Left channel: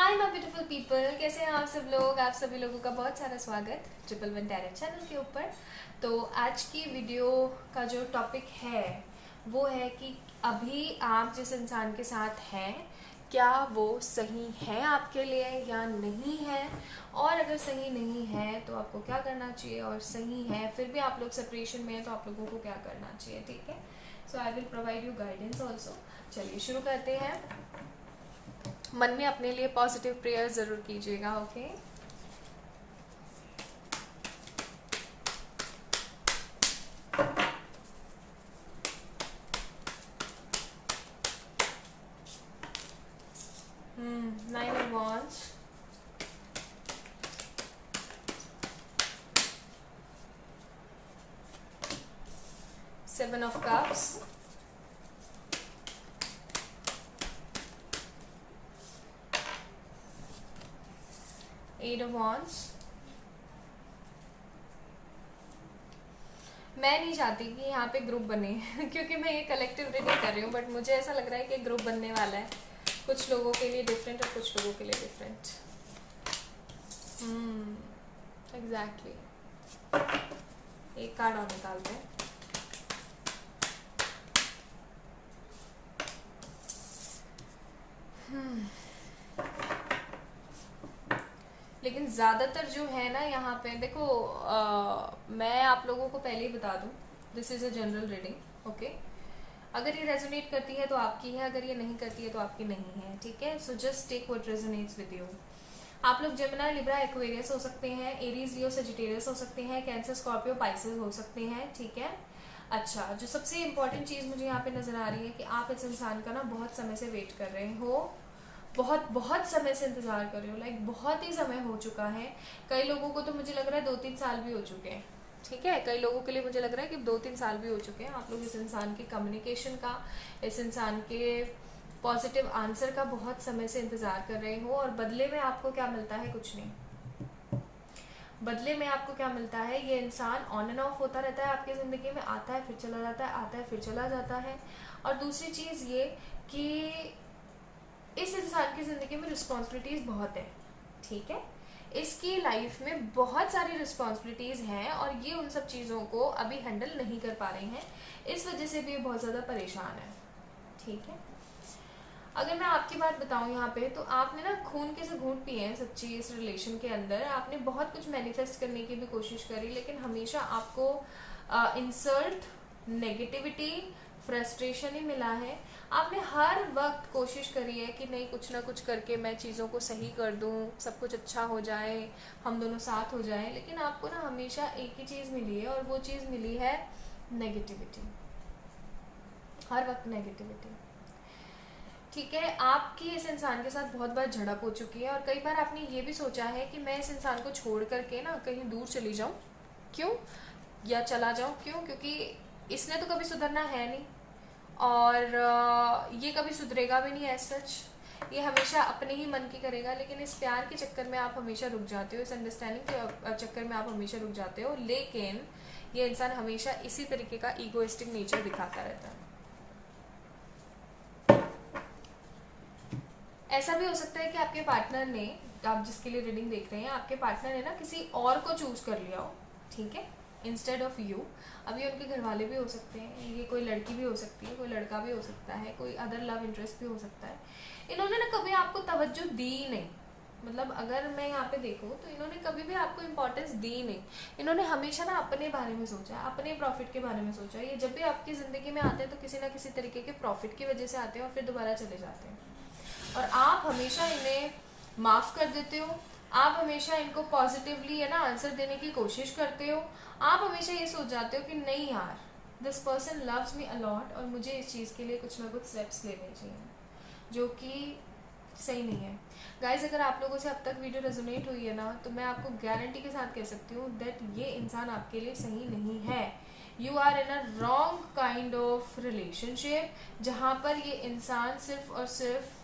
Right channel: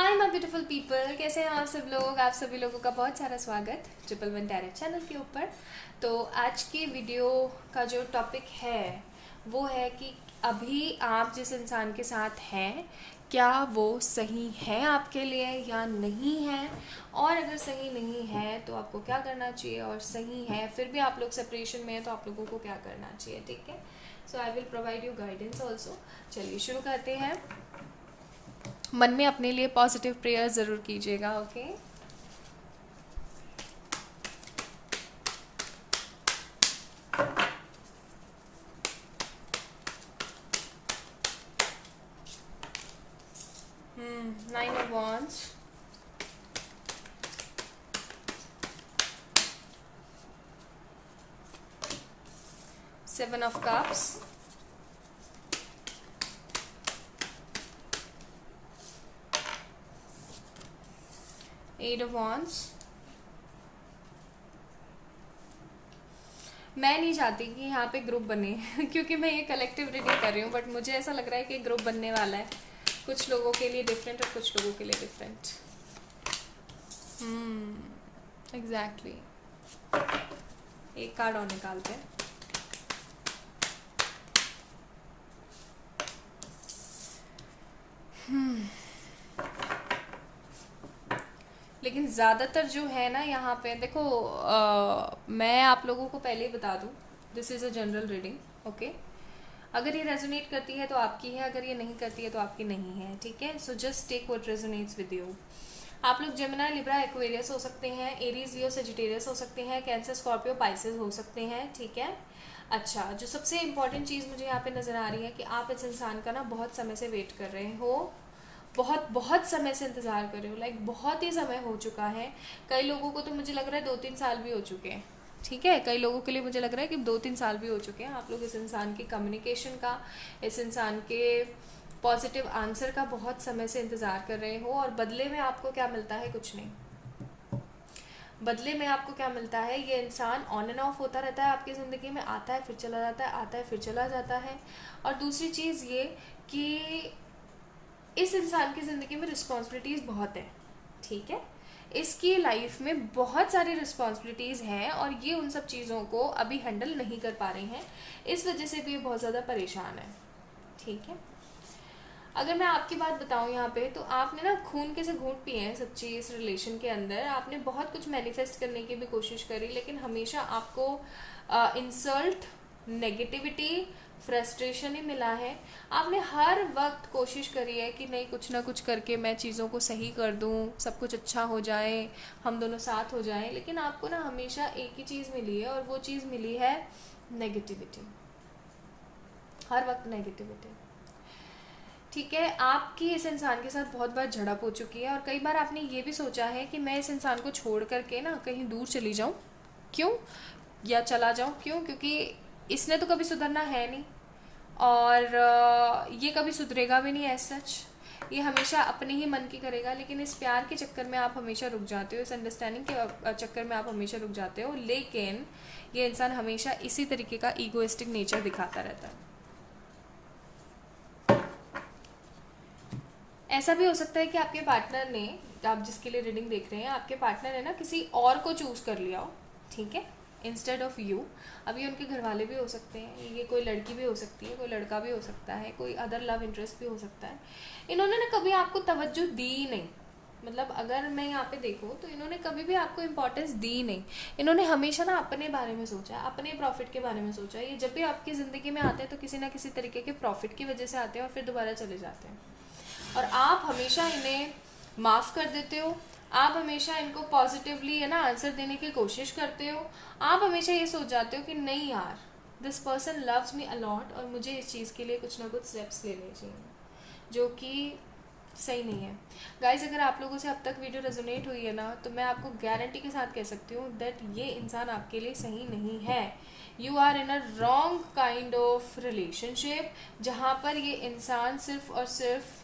Hi my beautiful people, कैसे हैं आप सब लोग। आप सभी लोगों का बहुत सारा स्वागत ट्रिपल वन टैरेट चैनल के ऊपर। तो आज की वीडियो का जो टॉपिक है वो है कि अभी आप जिस इंसान के साथ हैं क्या वो सही है आपके लिए या नहीं है, और अगर सही नहीं है तो आपको क्या करना चाहिए, और सही है फिर भी आप लोग सेपरेशन में है तो आप लोगों को क्या करना चाहिए। ठीक है, so I will provide you guidance also. चलिए शुरू करते हैं। मन में अपने लिए पॉजिटिव प्रेयर जरूर कीजिएगा। Okay, 9 of Wands, 7 of Cups, 8 of Wands। मैं नहीं चाहती कि यहाँ पे ग्रुप बने क्योंकि मैं ये कलेक्टिव रीडिंग कर रही हूँ, बट मुझे ऐसा लग रहा है कि ग्रुप बनने वाला है। कुछ लोगों के लिए डिफरेंट और कुछ लोगों के लिए डिफरेंट। एग्जैक्टली। एक कार्ड और निकालते हैं। लेकिन ज़्यादातर जो है ना यहाँ पे देखो, मैं आप लोगों को पहले ही बता दूँ, this is a general reading. Okay, अगर ये रेजोनेट करती है तो आपकी है, अगर ये नहीं करती है तो आपकी नहीं है। ठीक है, so just take what resonates with you. आप लोग जेमिनी, लिब्रा, एक्वेरियस हो सकते हैं, एरीज, लियो, सेजिटेरियस हो सकते हैं, कैंसर, स्कॉर्पियो, पाइसेस हो सकते हैं। ठीक है, अच्छा, जो सबसे इंपॉर्टेंट चीज़ मुझे यहाँ पे नजर आ रही है कि आप इस इंसान का ना बहुत समय से वेट कर रहे हो, बहुत बहुत समय से इंतजार कर रहे हो, लाइक बहुत ही समय हो चुका है। कई लोगों को तो मुझे लग रहा है 2-3 साल भी हो चुके हैं। ठीक है, कई लोगों के लिए मुझे लग रहा है कि 2-3 साल भी हो चुके हैं। आप लोग इस इंसान की कम्युनिकेशन का, इस इंसान के पॉजिटिव आंसर का बहुत समय से इंतजार कर रहे हो। और बदले में आपको क्या मिलता है? कुछ नहीं। बदले में आपको क्या मिलता है? ये इंसान ऑन एंड ऑफ होता रहता है आपकी ज़िंदगी में, आता है फिर चला जाता है, आता है फिर चला जाता है। और दूसरी चीज़ ये कि इस इंसान की ज़िंदगी में रिस्पॉन्सिबिलिटीज़ बहुत है। ठीक है, इसकी लाइफ में बहुत सारी रिस्पॉन्सिबिलिटीज़ हैं और ये उन सब चीज़ों को अभी हैंडल नहीं कर पा रही हैं। इस वजह से भी ये बहुत ज़्यादा परेशान है। ठीक है, अगर मैं आपकी बात बताऊं यहाँ पे, तो आपने ना खून के से घूंट पिए हैं सच्ची इस रिलेशन के अंदर। आपने बहुत कुछ मैनिफेस्ट करने की भी कोशिश करी, लेकिन हमेशा आपको इंसल्ट, नेगेटिविटी, फ्रस्ट्रेशन ही मिला है। आपने हर वक्त कोशिश करी है कि नहीं, कुछ ना कुछ करके मैं चीज़ों को सही कर दूं, सब कुछ अच्छा हो जाए, हम दोनों साथ हो जाएं, लेकिन आपको ना हमेशा एक ही चीज़ मिली है, और वो चीज़ मिली है नेगेटिविटी। हर वक्त नेगेटिविटी। ठीक है, आपकी इस इंसान के साथ बहुत बार झड़प हो चुकी है, और कई बार आपने ये भी सोचा है कि मैं इस इंसान को छोड़ करके ना कहीं दूर चली जाऊं। क्यों? या चला जाऊं क्यों? क्योंकि इसने तो कभी सुधरना है नहीं, और ये कभी सुधरेगा भी नहीं एज सच। ये हमेशा अपने ही मन की करेगा, लेकिन इस प्यार के चक्कर में आप हमेशा रुक जाते हो, इस अंडरस्टैंडिंग के चक्कर में आप हमेशा रुक जाते हो। लेकिन ये इंसान हमेशा इसी तरीके का ईगोइस्टिक नेचर दिखाता रहता है। ऐसा भी हो सकता है कि आपके पार्टनर ने, आप जिसके लिए रीडिंग देख रहे हैं, आपके पार्टनर ने ना किसी और को चूज कर लिया हो। ठीक है, इंस्टेड ऑफ यू। अब ये उनके घर वाले भी हो सकते हैं, ये कोई लड़की भी हो सकती है, कोई लड़का भी हो सकता है, कोई अदर लव इंटरेस्ट भी हो सकता है। इन्होंने ना कभी आपको तवज्जो दी ही नहीं। मतलब अगर मैं यहाँ पे देखूँ तो इन्होंने कभी भी आपको इम्पोर्टेंस दी नहीं। इन्होंने हमेशा ना अपने बारे में सोचा है, अपने प्रॉफिट के बारे में सोचा है। ये जब भी आपकी जिंदगी में आते हैं तो किसी ना किसी तरीके के प्रॉफिट की वजह से आते हैं और फिर दोबारा चले जाते हैं। और आप हमेशा इन्हें माफ कर देते हो, आप हमेशा इनको पॉजिटिवली है ना आंसर देने की कोशिश करते हो। आप हमेशा ये सोच जाते हो कि नहीं यार, this person loves me a lot और मुझे इस चीज़ के लिए कुछ ना कुछ स्टेप्स लेने चाहिए, जो कि सही नहीं है। गाइज, अगर आप लोगों से अब तक वीडियो रेजोनेट हुई है ना, तो मैं आपको गारंटी के साथ कह सकती हूँ दैट ये इंसान आपके लिए सही नहीं है। You are in a wrong kind of relationship, जहाँ पर ये इंसान सिर्फ और सिर्फ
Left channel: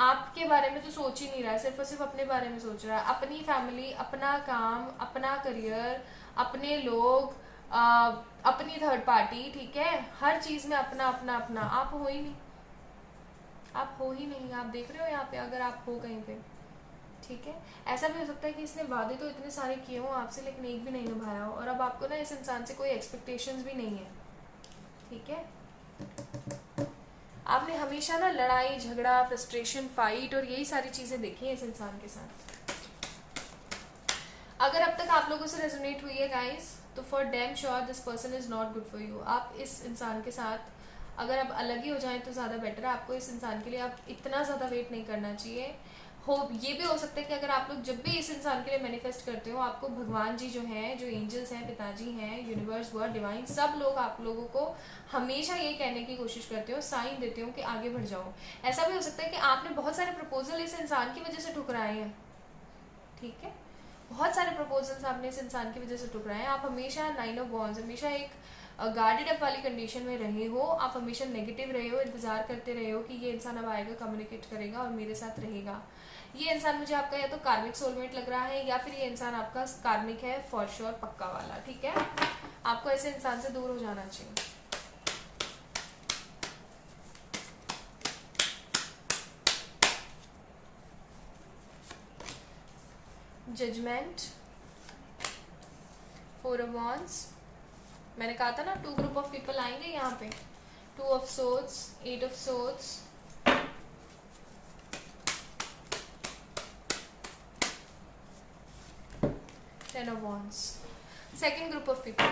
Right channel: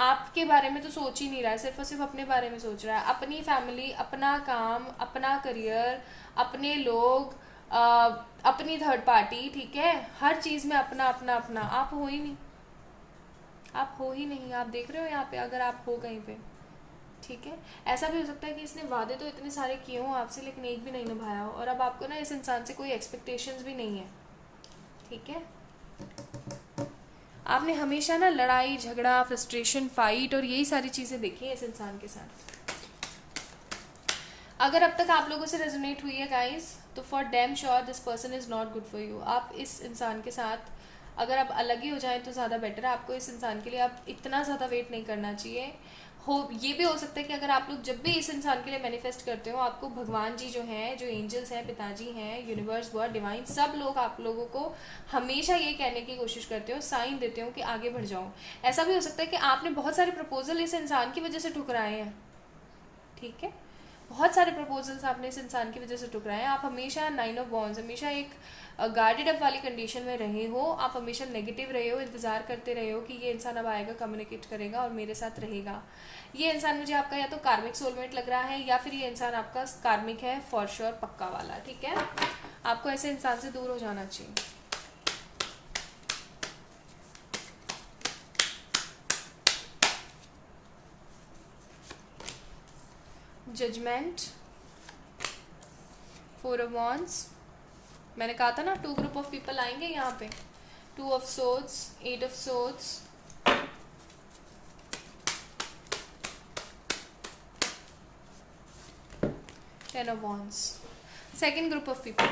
आपके बारे में तो सोच ही नहीं रहा है, सिर्फ और सिर्फ अपने बारे में सोच रहा है। अपनी फैमिली, अपना काम, अपना करियर, अपने लोग, अपनी थर्ड पार्टी। ठीक है, हर चीज में अपना अपना अपना। आप हो ही नहीं, आप हो ही नहीं, आप देख रहे हो यहाँ पे अगर आप हो कहीं पे, ठीक है। ऐसा भी हो सकता है कि इसने वादे तो इतने सारे किए हों आपसे लेकिन एक भी नहीं निभाया हो, और अब आपको ना इस इंसान से कोई एक्सपेक्टेशंस भी नहीं है, ठीक है। आपने हमेशा ना लड़ाई झगड़ा, फ्रस्ट्रेशन, फाइट और यही सारी चीजें देखी है इस इंसान के साथ। अगर अब तक आप लोगों से रेजोनेट हुई है गाइस, तो for damn sure this person is not good for you. आप इस इंसान के साथ अगर आप अलग ही हो जाएं तो ज़्यादा बेटर है। आपको इस इंसान के लिए आप इतना ज़्यादा वेट नहीं करना चाहिए। ये भी हो सकता है कि अगर आप लोग जब भी इस इंसान के लिए मैनिफेस्ट करते हो, आपको भगवान जी जो हैं, जो एंजल्स हैं, पिताजी हैं, यूनिवर्स, गॉड, डिवाइन, सब लोग आप लोगों को हमेशा ये कहने की कोशिश करते हो, साइन देते हो कि आगे बढ़ जाओ। ऐसा भी हो सकता है कि आपने बहुत सारे प्रपोजल इस इंसान की वजह से ठुकराए हैं, ठीक है। बहुत सारे प्रपोजल्स आपने इस इंसान की वजह से ठुकराए हैं। आप हमेशा 9 ऑफ वॉन्ड्स, हमेशा एक गार्डेड अप वाली कंडीशन में रहे हो, आप हमेशा नेगेटिव रहे हो, इंतजार करते रहे हो कि ये इंसान अब आएगा, कम्युनिकेट करेगा और मेरे साथ रहेगा। ये इंसान मुझे आपका या तो कार्मिक सोलमेट लग रहा है या फिर ये इंसान आपका कार्मिक है फॉर श्योर, पक्का वाला, ठीक है। आपको ऐसे इंसान से दूर हो जाना चाहिए। जजमेंट, 4 ऑफ वॉन्ड्स, मैंने कहा था ना 2 ग्रुप ऑफ पीपल आएंगे यहाँ पे, 2 of swords, 8 of swords, 10 of wands. Second group of people,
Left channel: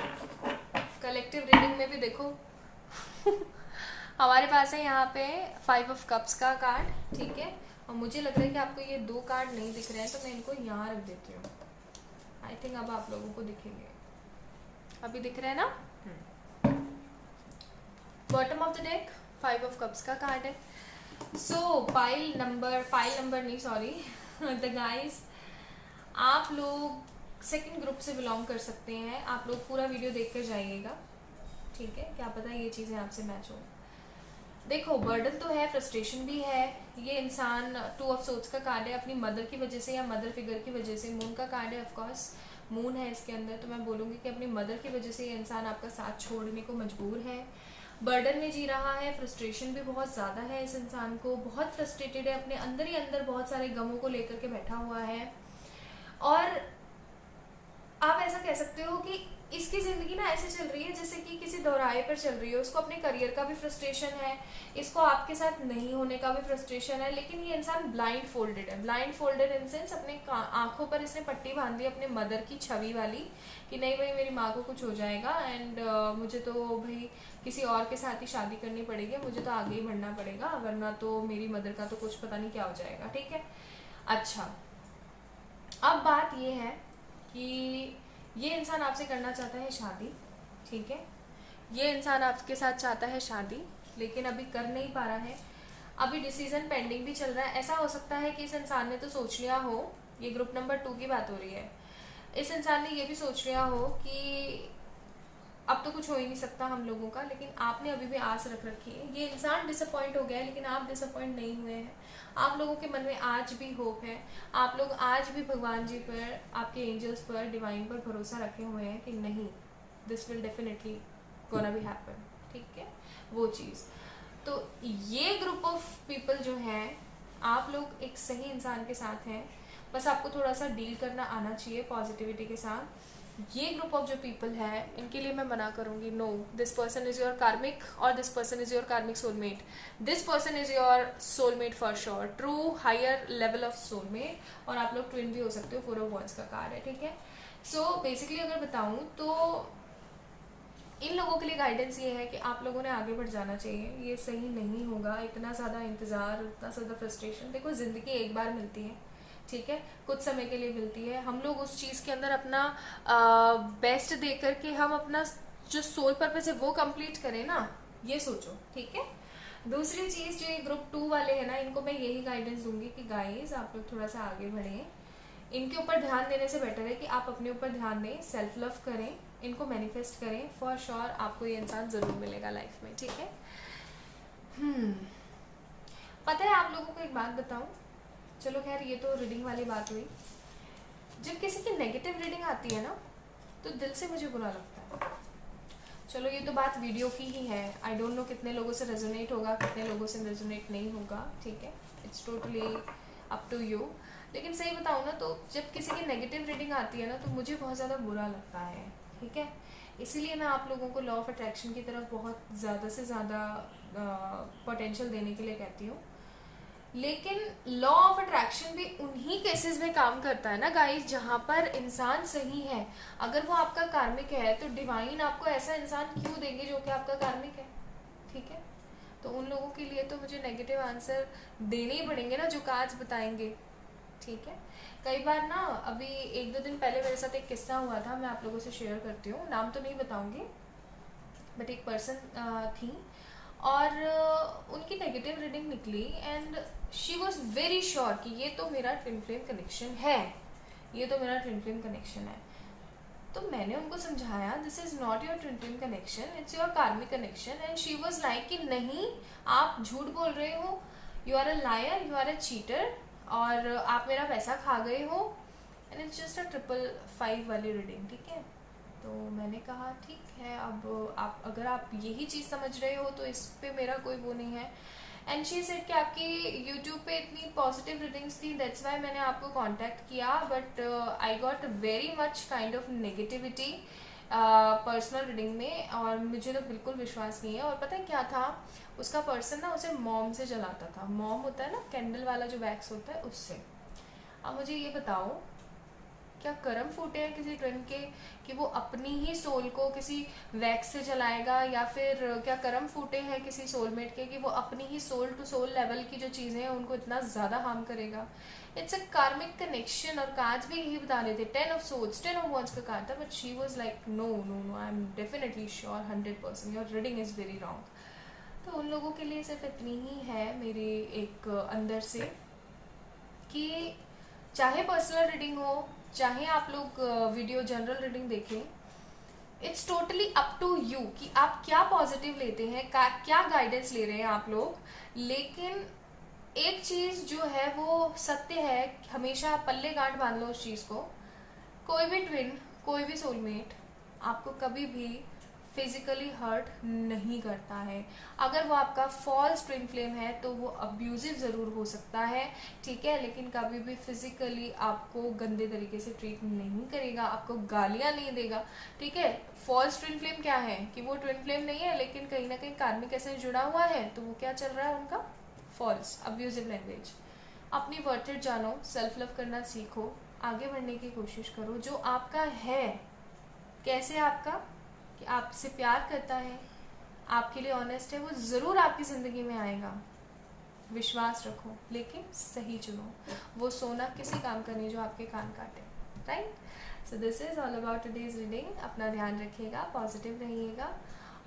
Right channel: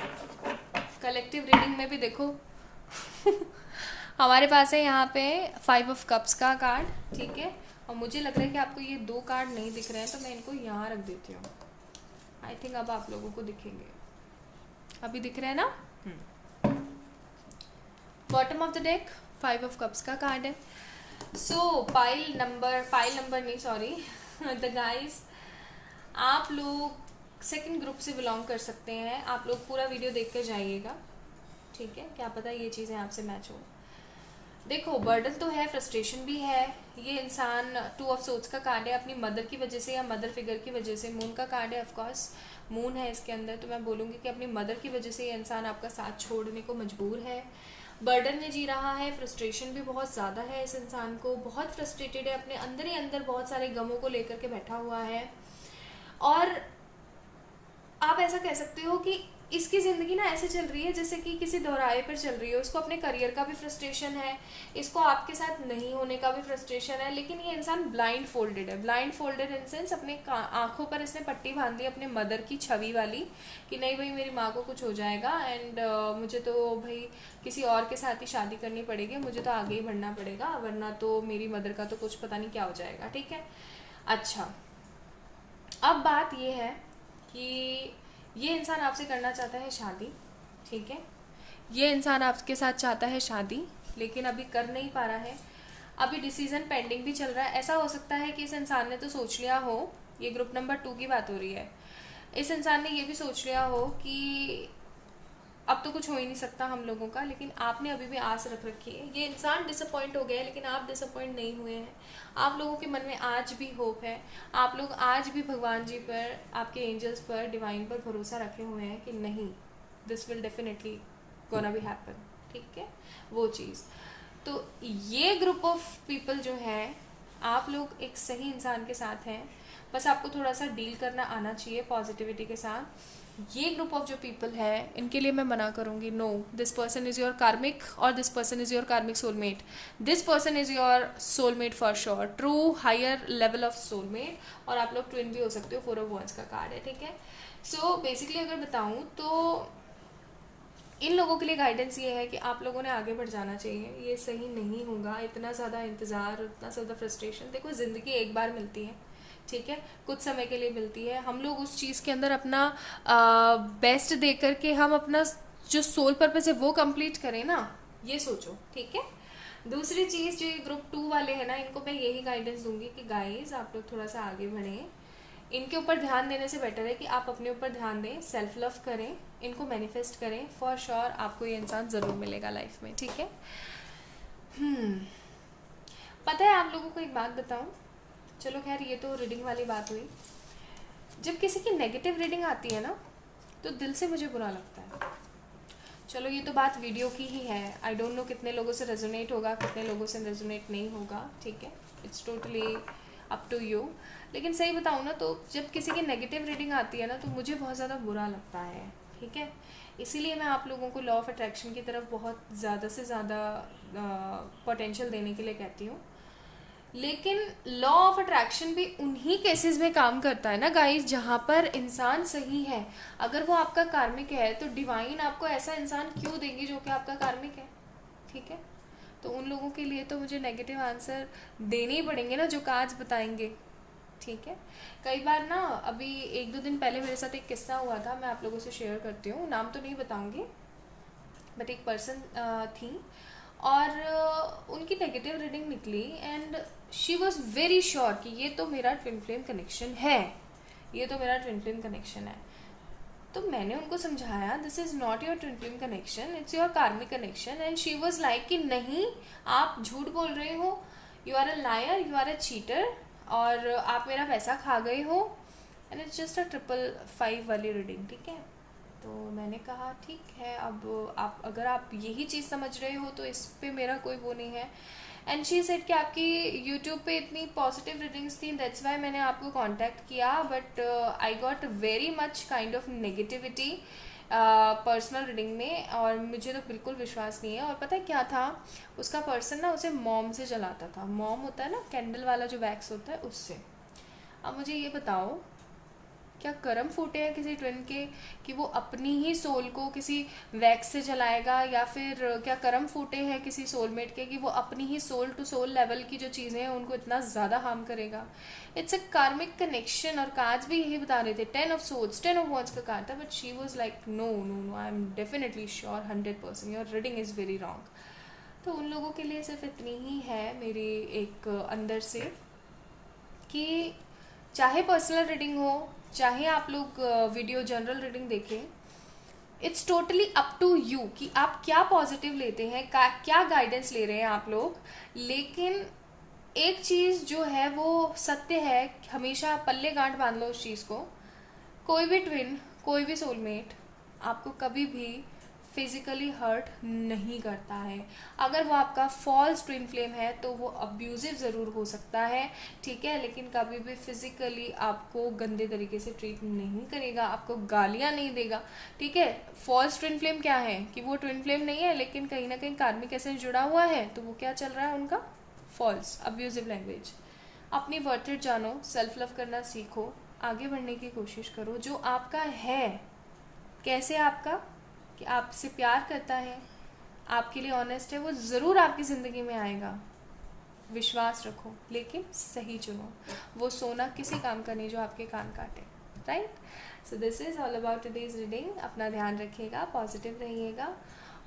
collective reading में भी देखो हमारे पास है यहाँ पे 5 ऑफ कप्स का कार्ड, ठीक है। और मुझे लग रहा है कि आपको ये 2 कार्ड नहीं दिख रहे हैं, तो मैं इनको यहाँ रख देती हूँ। आई थिंक अब आप लोगों को दिखेंगे, अभी दिख रहे हैं ना। Bottom of the deck 5 of cups का कार्ड है। सो फाइल नंबर नहीं, सॉरी द गाइस, आप लोग सेकंड ग्रुप से बिलोंग कर सकते हैं। आप लोग पूरा वीडियो देख कर जाइएगा, ठीक है। क्या पता ये चीज़ें आपसे मैच हो। देखो, बर्डन तो है, फ्रस्ट्रेशन भी है। ये इंसान 2 ऑफ सोर्ड्स का कार्ड है, अपनी मदर की वजह से या मदर फिगर की वजह से। मून का कार्ड है, ऑफकोर्स मून है इसके अंदर, तो मैं बोलूँगी कि अपनी मदर की वजह से ये इंसान आपका साथ छोड़ने को मजबूर है, बर्डन में जी रहा है। फ्रस्ट्रेशन भी बहुत ज़्यादा है इस इंसान को, बहुत फ्रस्ट्रेटेड है, अपने अंदर ही अंदर बहुत सारे गमों को लेकर के बैठा हुआ है। और आप ऐसा कह सकते हो कि इसकी जिंदगी ना ऐसे चल रही है जैसे कि किसी दोहराए पर चल रही है। उसको अपने करियर का भी फ्रस्ट्रेशन है, इसको आपके साथ नहीं होने का भी फ्रस्ट्रेशन है, लेकिन ये इंसान ब्लाइंड फोल्डेड है। ब्लाइंड फोल्डेड इन सेंस अपने आंखों पर इसने पट्टी बांध दी अपने मदर की छवि वाली, कि नहीं भाई मेरी माँ को कुछ हो जाएगा एंड मुझे तो भाई किसी और के साथ ही शादी करनी पड़ेगी, मुझे तो आगे ही बढ़ना पड़ेगा, वरना तो मेरी मदर का तो कुछ पता नहीं क्या हो जाएगा, ठीक है। अच्छा, अब बात ये है कि ये इंसान आपसे करना चाहता है शादी, ठीक है। ये इंसान आपके साथ चाहता है शादी, लेकिन अभी कर नहीं पा रहा है, अभी डिसीजन पेंडिंग भी चल रहा है। ऐसा हो सकता है कि इस इंसान ने तो सोच लिया हो, ये ग्रुप नंबर 2 की बात हो रही है, इस इंसान ने ये भी सोच लिया हो कि अब तो कुछ हो ही नहीं सकता हम लोगों का, लेकिन आपने अभी भी आस रख रखी है। ये इंसान डिसअपॉइंट हो गया है, लेकिन आप डिसअपॉइंट नहीं हुए हैं। आप लोगों के मन में आज भी होप है, आप लोग आज भी भगवान जी पर, आपके एंजल्स पर, डिवाइन पर भरोसा रखे हुए हैं कि नहीं, this will definitely gonna be happen, ठीक है, वो चीज़। तो ये ग्रुप ऑफ पीपल जो है, आप लोग एक सही इंसान के साथ हैं, बस आपको थोड़ा सा डील करना आना चाहिए पॉजिटिविटी के साथ। ये ग्रुप ऑफ जो पीपल है, इनके लिए मैं मना करूंगी, no, this person is your karmic और this person is your karmic soulmate. This person is your soulmate for sure, true higher level of soulmate, और आप लोग ट्विन भी हो सकते हो। 4 ऑफ वॉन्ड्स का कार्ड है, ठीक है। सो बेसिकली अगर बताऊं तो इन लोगों के लिए गाइडेंस ये है कि आप लोगों ने आगे बढ़ जाना चाहिए। ये सही नहीं होगा, इतना ज़्यादा इंतज़ार, इतना ज़्यादा फ्रस्ट्रेशन। देखो, ज़िंदगी एक बार मिलती है, ठीक है, कुछ समय के लिए मिलती है। हम लोग उस चीज़ के अंदर अपना बेस्ट दे करके हम अपना जो सोल पर्पस है वो कंप्लीट करें ना, ये सोचो, ठीक है। दूसरी चीज़, जो ये ग्रुप 2 वाले हैं ना, इनको मैं यही गाइडेंस दूंगी कि गाइस आप लोग थोड़ा सा आगे बढ़ें। इनके ऊपर ध्यान देने से बेटर है कि आप अपने ऊपर ध्यान दें, सेल्फ लव करें, इनको मैनिफेस्ट करें। फॉर श्योर आपको ये इंसान ज़रूर मिलेगा लाइफ में, ठीक है। पता है, आप लोगों को एक बात बताऊं, चलो खैर ये तो रीडिंग वाली बात हुई। जब किसी की नेगेटिव रीडिंग आती है ना, तो दिल से मुझे बुरा लगता है। चलो ये तो बात वीडियो की ही है, आई डोंट नो कितने लोगों से रेजोनेट होगा, कितने लोगों से रेजोनेट नहीं होगा, ठीक है, it's totally up to you. लेकिन सही बताऊँ ना तो जब किसी की नेगेटिव रीडिंग आती है ना तो मुझे बहुत ज़्यादा बुरा लगता है, ठीक है। इसीलिए मैं आप लोगों को लॉ ऑफ अट्रैक्शन की तरफ बहुत ज़्यादा से ज़्यादा पोटेंशियल देने के लिए कहती हूँ। लेकिन लॉ ऑफ अट्रैक्शन भी उन्हीं केसेस में काम करता है ना गाइस जहां पर इंसान सही है। अगर वो आपका कार्मिक है तो डिवाइन आपको ऐसा इंसान क्यों देंगे जो कि आपका कार्मिक है, ठीक है। तो उन लोगों के लिए तो मुझे नेगेटिव आंसर देने ही पड़ेंगे ना जो कार्ड्स बताएंगे, ठीक है। कई बार ना अभी 1-2 दिन पहले मेरे साथ एक किस्सा हुआ था, मैं आप लोगों से शेयर करती हूँ, नाम तो नहीं बताऊंगी, बट एक पर्सन थी और उनकी नेगेटिव रीडिंग निकली and she was very sure कि ये तो मेरा ट्विन फ्लेम कनेक्शन है, ये तो मेरा ट्विन फ्लेम कनेक्शन है। तो मैंने उनको समझाया this is not your twin flame connection, it's your karmic connection. And she was like कि नहीं आप झूठ बोल रहे हो, you are a liar, you are a cheater, और आप मेरा पैसा खा गए हो, एंड इट्स जस्ट अ 555 वाली रीडिंग, ठीक है। तो मैंने कहा ठीक है, अब आप अगर आप यही चीज़ समझ रहे हो तो इस पे मेरा कोई वो नहीं है। एंड शी सेड कि आपकी यूट्यूब पे इतनी पॉजिटिव रीडिंग्स थी, दैट्स वाई मैंने आपको कांटेक्ट किया, but I got very much kind of negativity personal reading में, और मुझे तो बिल्कुल विश्वास नहीं है। और पता है क्या था, उसका पर्सन ना उसे मॉम से जलाता था, मॉम होता है ना कैंडल वाला जो वैक्स होता है उससे। अब मुझे ये बताओ क्या कर्म फूटे हैं किसी ट्विन के कि वो अपनी ही सोल को किसी वैक्स से जलाएगा, या फिर क्या कर्म फूटे हैं किसी सोलमेट के कि वो अपनी ही सोल टू सोल लेवल की जो चीजें हैं उनको इतना ज्यादा हार्म करेगा। It's a karmic connection. और कार्ड्स भी यही बता रहे थे, 10 ऑफ सोर्ड्स, 10 ऑफ वर्ड्स का कार्ड था, but she was like no no no, I am definitely sure 100% your reading is very wrong. तो उन लोगों के लिए सिर्फ इतनी ही है मेरी एक अंदर से कि चाहे पर्सनल रीडिंग हो, चाहे आप लोग वीडियो जनरल रीडिंग देखें, it's totally up to you कि आप क्या पॉजिटिव लेते हैं, क्या गाइडेंस ले रहे हैं आप लोग। लेकिन एक चीज जो है वो सत्य है, हमेशा पल्ले गांठ बांध लो उस चीज को, कोई भी ट्विन, कोई भी सोलमेट आपको कभी भी फिजिकली हर्ट नहीं करता है। अगर वो आपका फॉल्स ट्विन फ्लेम है तो वो अब्यूजिव जरूर हो सकता है, ठीक है, लेकिन कभी भी फिजिकली आपको गंदे तरीके से ट्रीट नहीं करेगा, आपको गालियां नहीं देगा, ठीक है। फॉल्स ट्विन फ्लेम क्या है कि वो ट्विन फ्लेम नहीं है लेकिन कहीं ना कहीं कार्मिक एसेंस जुड़ा हुआ है, तो वो क्या चल रहा है उनका, फॉल्स अब्यूजिव लैंग्वेज। अपनी वर्थ जानो, सेल्फ लव करना सीखो, आगे बढ़ने की कोशिश करो। जो आपका है, कैसे आपका, कि आपसे प्यार करता है, आपके लिए ऑनेस्ट है, वो जरूर आपकी जिंदगी में आएगा, विश्वास रखो, लेकिन सही चुनो। वो सोना किसी काम का नहीं जो आपके कान काटे, right. So this is all about today's reading. अपना ध्यान रखिएगा, पॉजिटिव रहिएगा।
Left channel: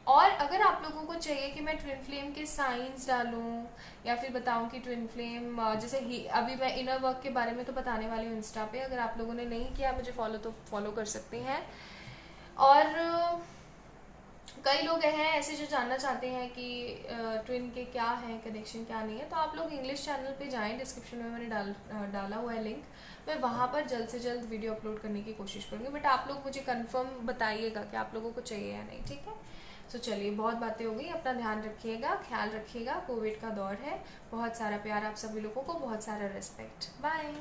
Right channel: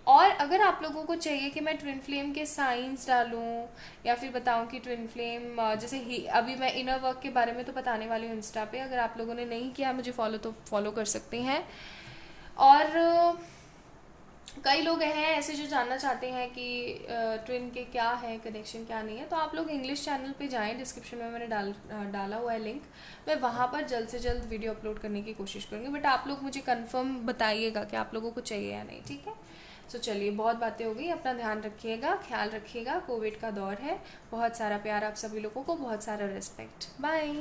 और अगर आप लोगों को चाहिए कि मैं ट्विन फ्लेम के साइंस डालूं या फिर बताऊं कि ट्विन फ्लेम जैसे ही अभी मैं इनर वर्क के बारे में तो बताने वाली हूँ इंस्टा पे, अगर आप लोगों ने नहीं किया मुझे फॉलो तो फॉलो कर सकते हैं। और कई लोग हैं ऐसे जो जानना चाहते हैं कि ट्विन के क्या है कनेक्शन, क्या नहीं है, तो आप लोग इंग्लिश चैनल पे जाएं, डिस्क्रिप्शन में मैंने डाला हुआ है लिंक, मैं वहाँ पर जल्द से जल्द वीडियो अपलोड करने की कोशिश करूँगी। बट आप लोग मुझे कंफर्म बताइएगा कि आप लोगों को चाहिए या नहीं, ठीक है। सो चलिए, बहुत बातें हो गई, अपना ध्यान रखिएगा, ख्याल रखिएगा, कोविड का दौर है, बहुत सारा प्यार आप सभी लोगों को, बहुत सारा रिस्पेक्ट, बाय।